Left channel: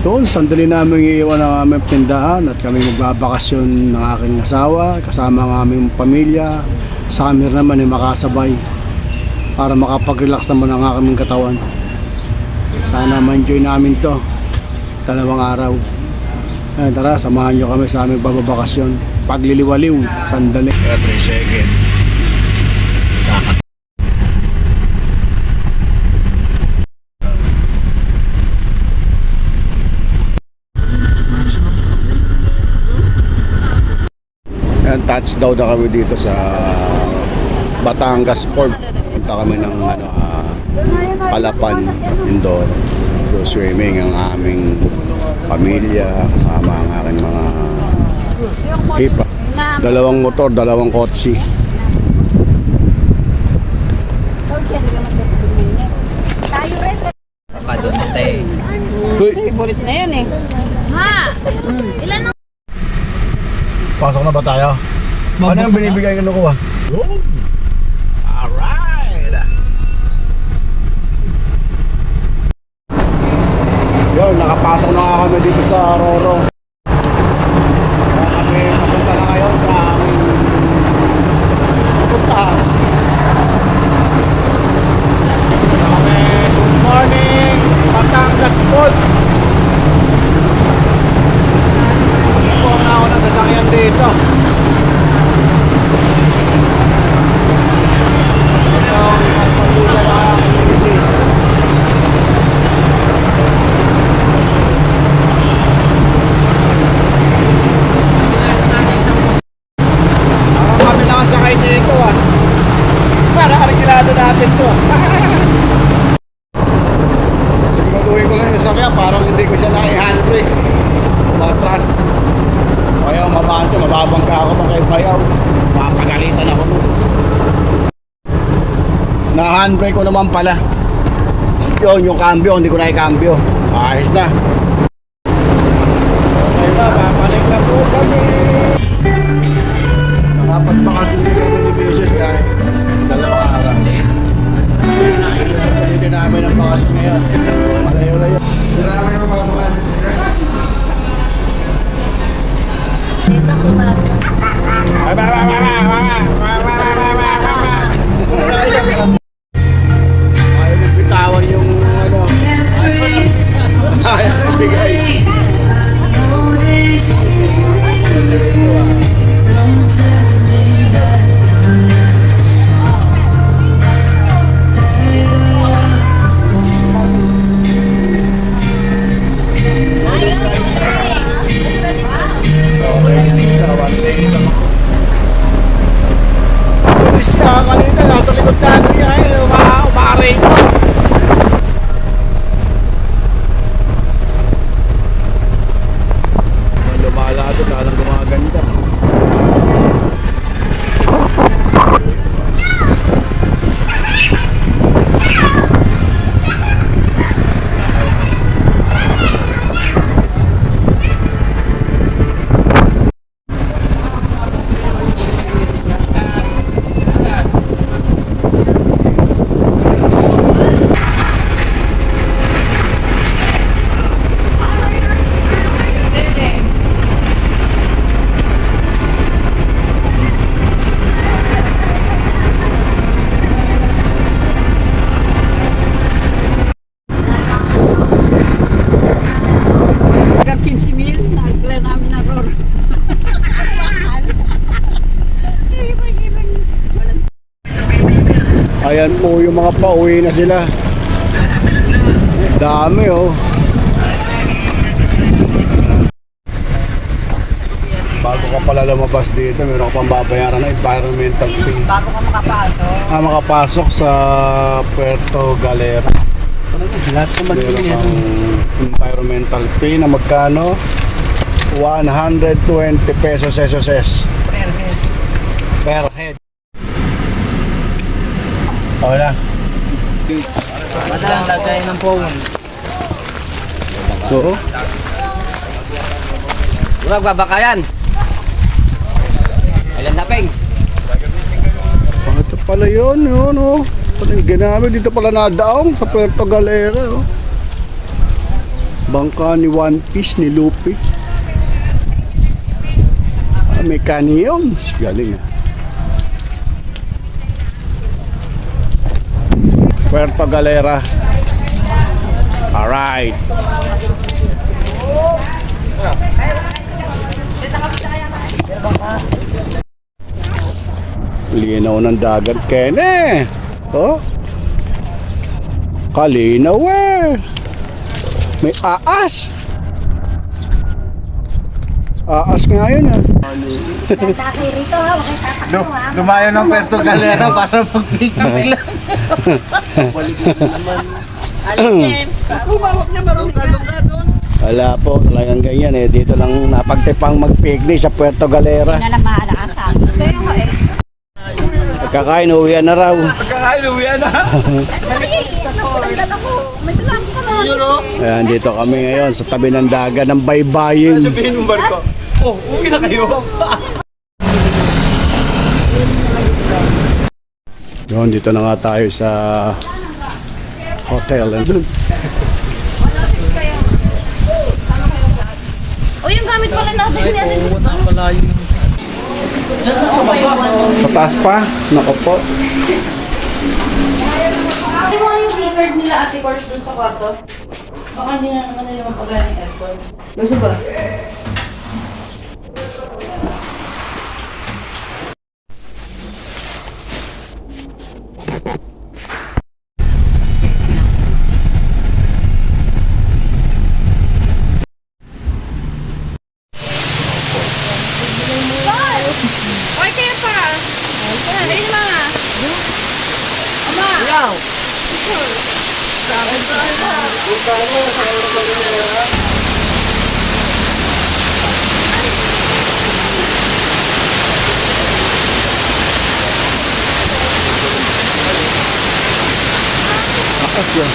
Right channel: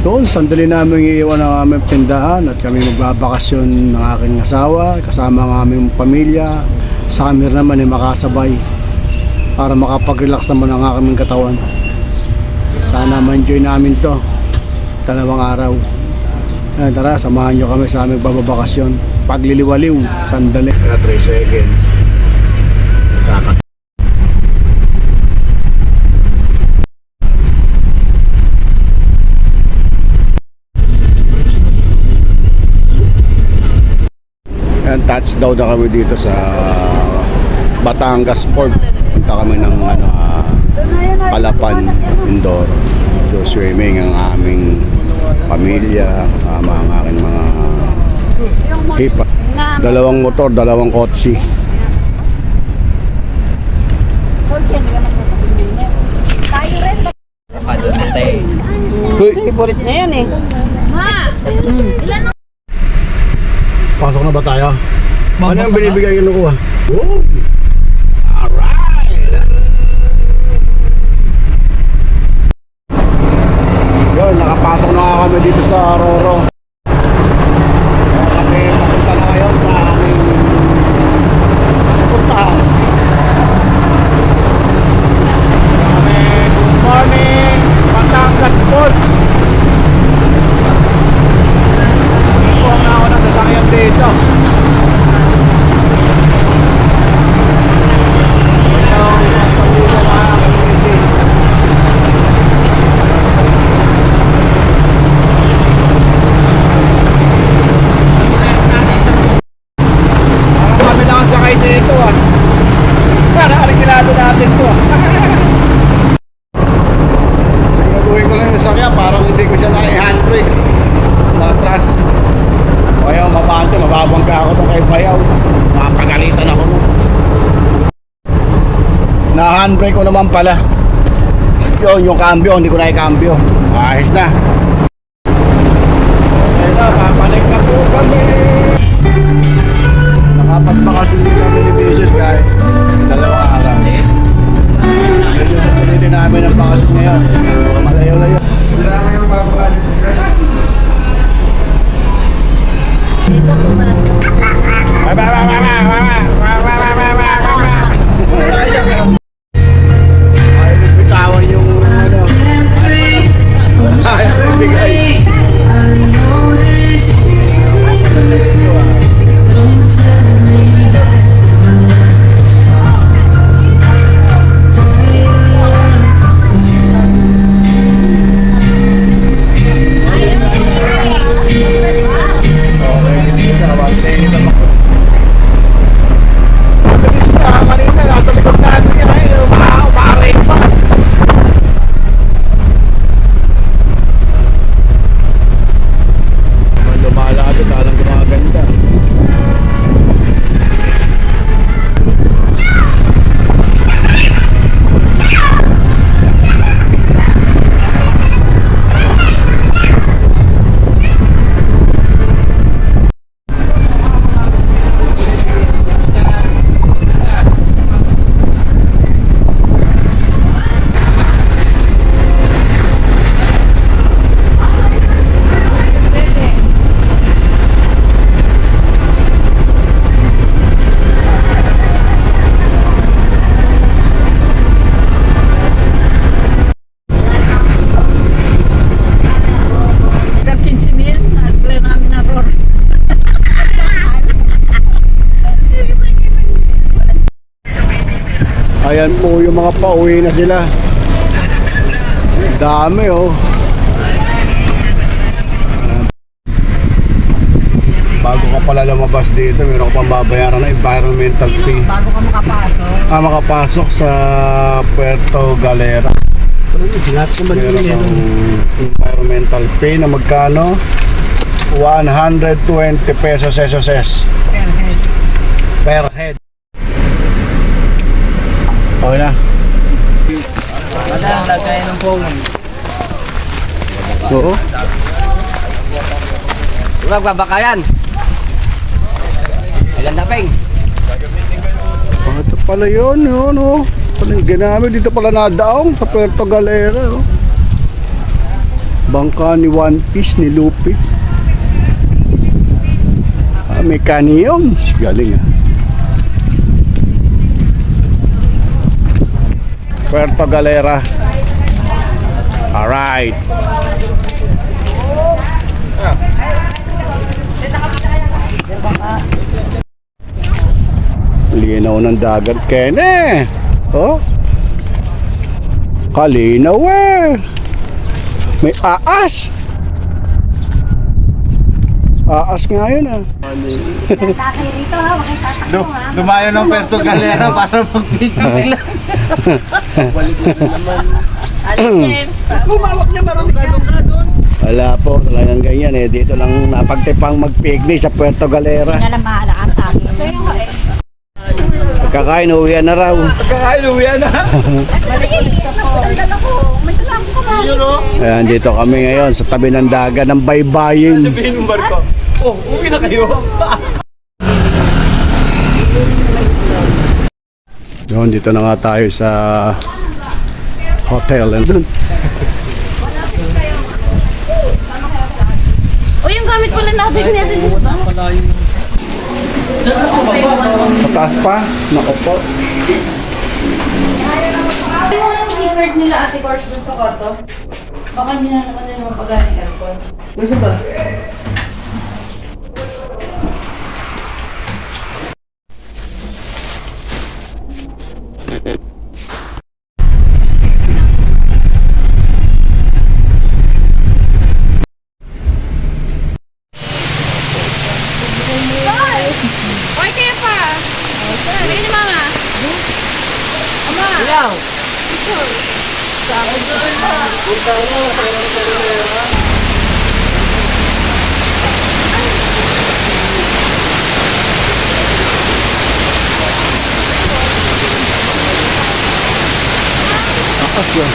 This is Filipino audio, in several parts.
Doon, sandali namin iiwan ang aming tindahan at kami magbabakasyon ng aking asawa, kasama ang aming pamilya. Sa kami naman ay makasabay para makapag-relax naman ang aming katawan. Sana ma-enjoy namin to 2 araw. Tara, samahan nyo kami sa aming bababakasyon. Pagliliwaliw, sandali. 3 seconds. And touchdown na kami dito sa Batangas Port. Punta kami ng Palapan, Mindoro. So swimming ang aming pamilya, kasama ang aking mga hipa. 2 motor, 2 kotse. Favorite na yan eh. Pasok na ba tayo? Ano yung binibigay ko nakuha? Yun, nakapasok na kami dito sa Roro. Kaya kami papunta na ngayon sa aming puntahan. Kaya kami, good morning, Batangas Port. Kami po ang naunang sasakyan dito. Ang pamilya na aking misis. Kami lang ang sakay dito para arikilado natin to siguraduhin ko lang yung sakya parang hindi ko siya nai-handbrake matras o ayaw mabante mababangga ako ng kay Bayaw napagalitan ako nun na-handbrake ko naman pala yun yung cambio hindi ko nai-cambio ayos na okay na papanik na po kami. Nakapagpakasyon din kami ni Mrs. dahil 2 araw. Ito sa sulitin namin ang bakasyon ngayon. Malayo-layo. Marami yung mabuhan. Ayaw nagbitawan yung ano. Ayaw nagbigay. Bilis niya, kanina nasa likod na ano niya umaaray ko. Lumalapit, alang gumaganda. Ayan po yung mga pauwi na sila. Dami Bago ka pala lumabas dito, meron ka pang babayaran na environmental fee. Bago ka makapasok. Makapasok sa Puerto Galera. Meron kang environmental fee na magkano? 120 pesos SSS. Per head. Okay na. Madang lagay ng phone. Oo. Magbabakayan. Ayan na, Peng. Ito pala yun, Pala yung ginamit. Dito pala nadaong sa Puerto Galera, Bangka ni One Piece ni Luffy. May kaniyong. Galing ah. Puerto Galera. Alright. Linaw ng dagat, Kene. Oh. Kalinaw eh. May aas. Aas nga yun ah. Dumayo ng Puerto Galera para mag-picnic. Wala po, talagang ganyan eh. Dito lang napagtipang mag-picnic sa Puerto Galera. Pagkakain, uwian na raw. Ayan, dito kami ngayon sa tabi ng dagat ng baybayin. Yun, dito na nga tayo sa hotel. O yung gamit pala natin. Sa taas pa, nako po. Ano yung record nila ate course dun sa kwarto? Baka hindi na naman nila mapagamit aircon. Nasa ba? Oy, kaya pa! Ayun na mama! Ama! Ayaw! Taas yun.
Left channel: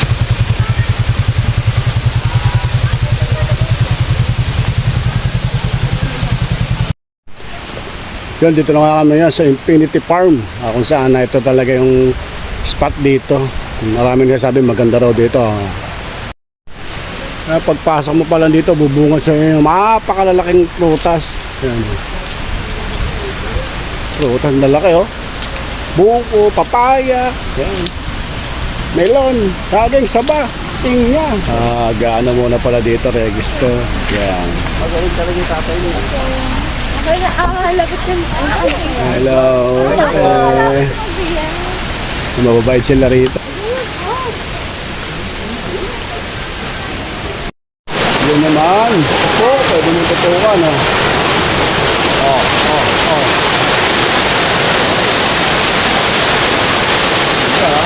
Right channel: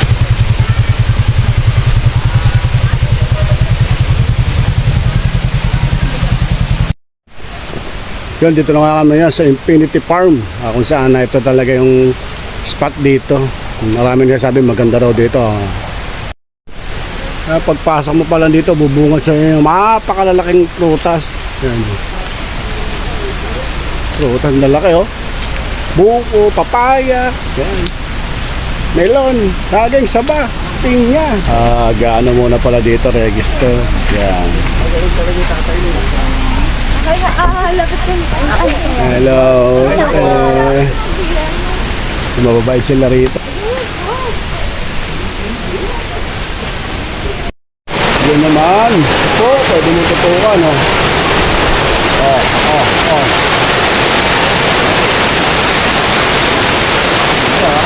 Yun, dito na nga kami yan sa Infinity Farm. Kung saan na ito talaga yung spot dito. Maraming nasabi maganda raw dito. Pagpasok mo pa lang dito, bubungat sa yung mapakalalaking prutas. Yan. Prutas na laki oh. Buko, papaya. Yan. Melon, saging, saba. Tingnya. Gaano muna pala dito, register. Yan. Lapit ka Hello. Mababait sila rito. Yun naman. Ito, pwede mo tutukan, oh. Oh. Yeah.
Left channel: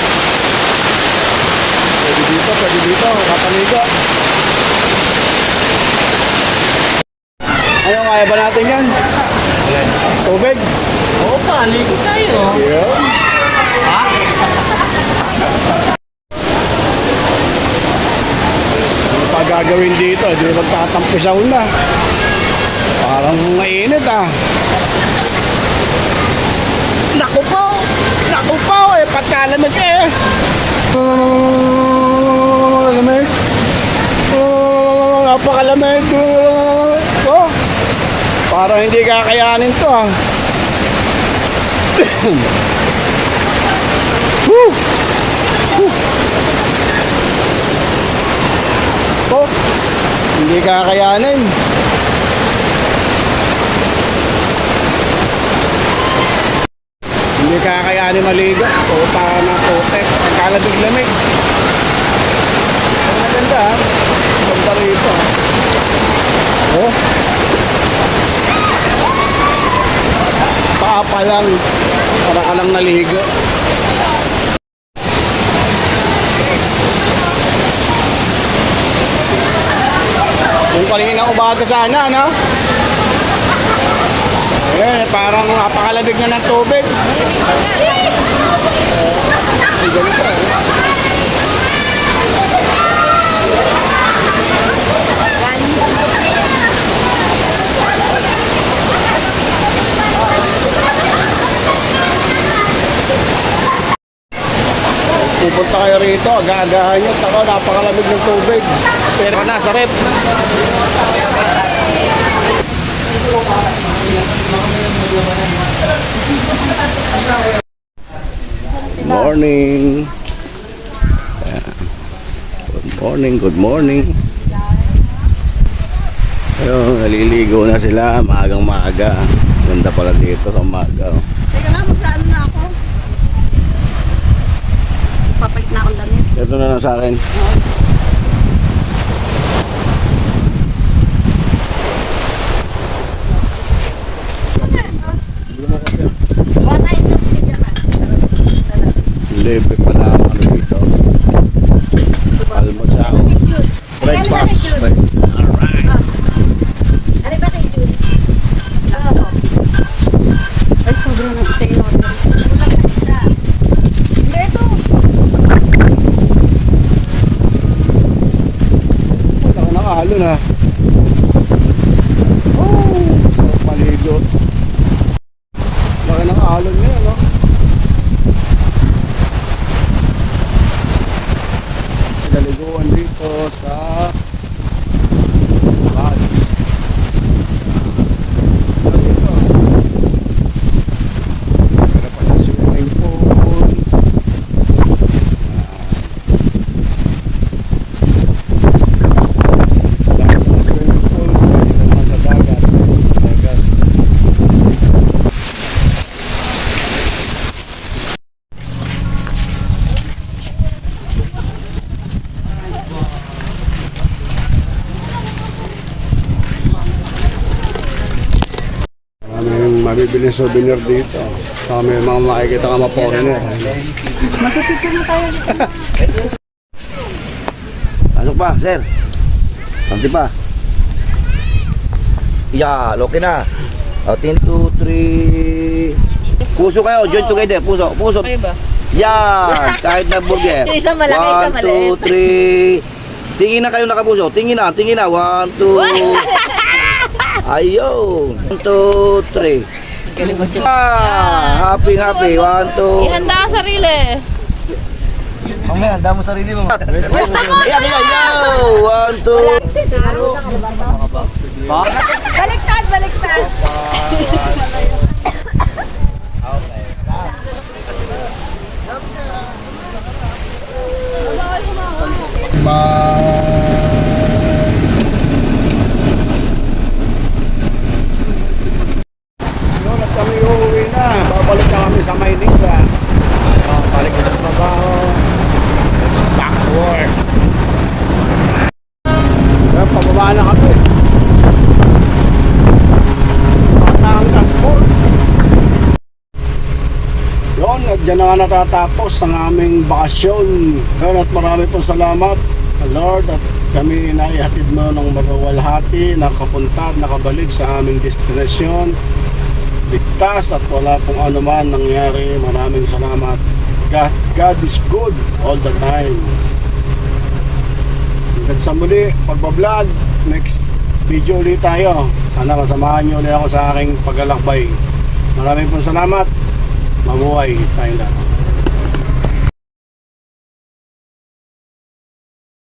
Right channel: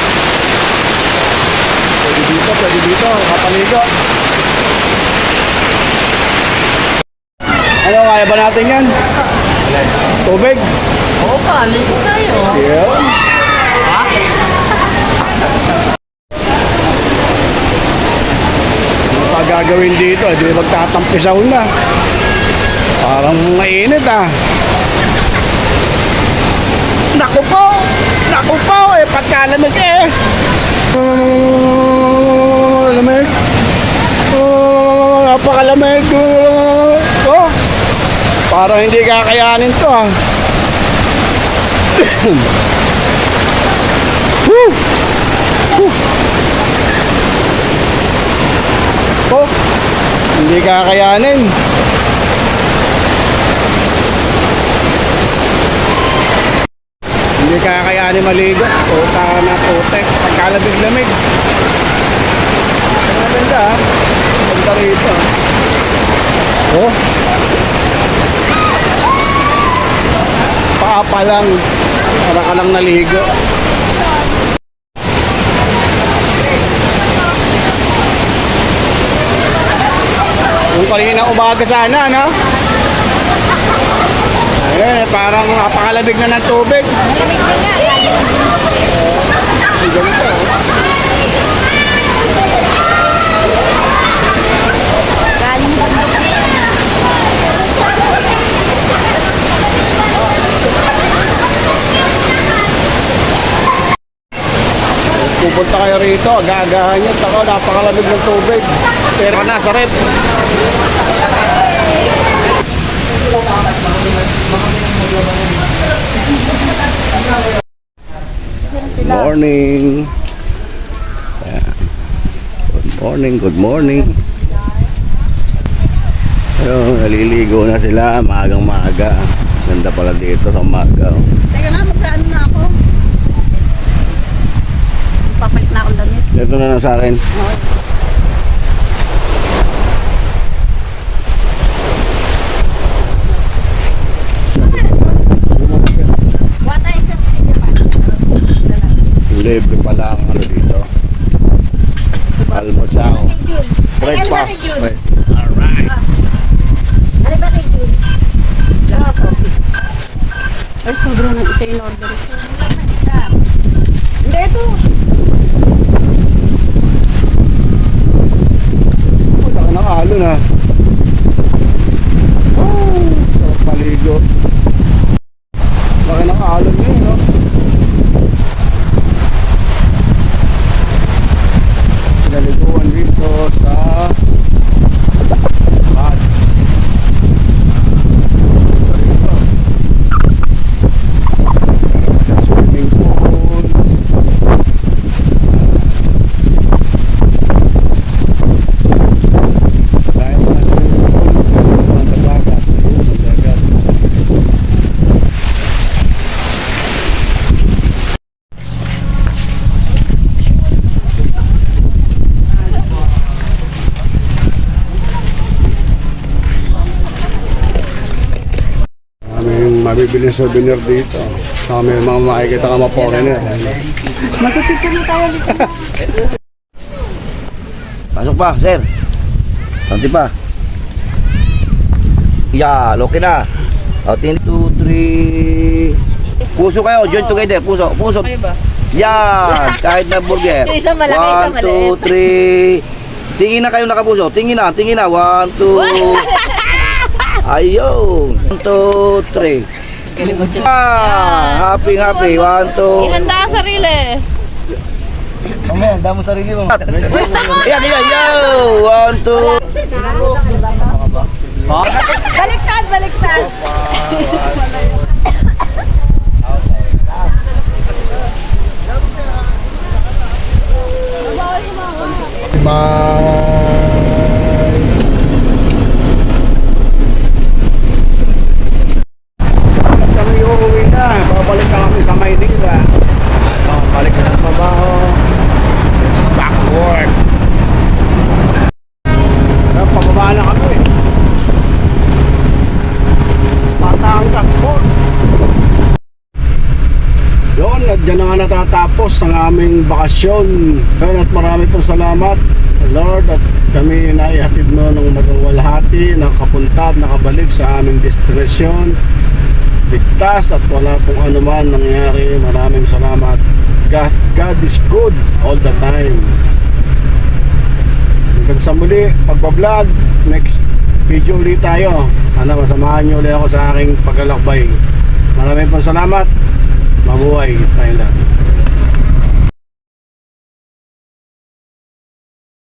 Pwede dito. Kapaligo. Ano, kaya ba natin yan? Tubig? Oo pa, ligo tayo. Yun. Ano pa gagawin dito? Di magtatampisaw na. Parang mainit ah. Naku po eh, pagkalamig eh. Lamig. Napakalamig. Oh. Parang hindi kakayanin to ah. Woo! Woo! Oh, hindi kakayanin. Hindi kakayanin maligo. Puta na putek. Pagkalabig-lamig. Ang maganda ah. Ganda rito ah. Oh. Paa pa lang. Para ka lang naligo. Kung kanina umaga sana, no? Ayun, parang napakalabig na ng tubig. Ay, ganito, eh. pupunta kayo rito, aga-agahan nyo. Tako, napakalamig ng tubig. Pero na sa rep. Morning. Ayan. Good morning, good morning. Ayun, naliligo na sila, maagang maaga. Ganda pala dito sa umaga. Oh. Teka na, magkaan na ako. Papait na ako damit. Ito na lang sa akin. Wata isang silya pa. Libre pala ang ano dito. Almusal. Breakfast. Alright. Ano ba kay Jude? Ay, sobrang na isa yung order. Isa. Hindi, ito. Uy, laki ng alon ha. Oh, sarap paligo. Laki ng alon ngayon, no? Pinaliguan dito sa Bads. Dito. Meron pa siya swimming pool. Dahil pa swimming pool, pwede naman sa dagat. Ayun, sa dagat. Maraming mabibiling souvenir dito. Saka may mga makikita ka mga foreigner. Magtitipon tayo dito. Pasok pa, sir. Santi pa. Yeah, okay na. 1, 2, 3. Puso kayo, join together. Puso, puso. Yan, kahit na burger. 1, 2, 3. Tingin na kayo nakapuso. Tingin na. 1, 2. Ayun. 1, 2, 3. Happy. 1, 2. Ihanda ang sarili. Mamaya, handa mo sarili mo. Ayan, yo! 1, 2. Baliktad, baliktad. At kami uuwi na. Babalik na kami sa Maynila. Ayun, balik na sa trabaho. Let's back to work. Kaya pababa na kami. Batangas Port. Yun, at dyan na nga natatapos ang aming bakasyon. Yun, at marami pong salamat Lord at kami naihatid mo ng magawalhati, nakapunta at nakabalik sa aming destinasyon. Ligtas at wala pong anuman nangyari. Maraming salamat. God is good all the time. Hanggang sa muli, pagbablog, next video ulit tayo. Sana masamahan nyo ulit ako sa aking paglalakbay. Maraming pong salamat. Mabuhay tayo lahat.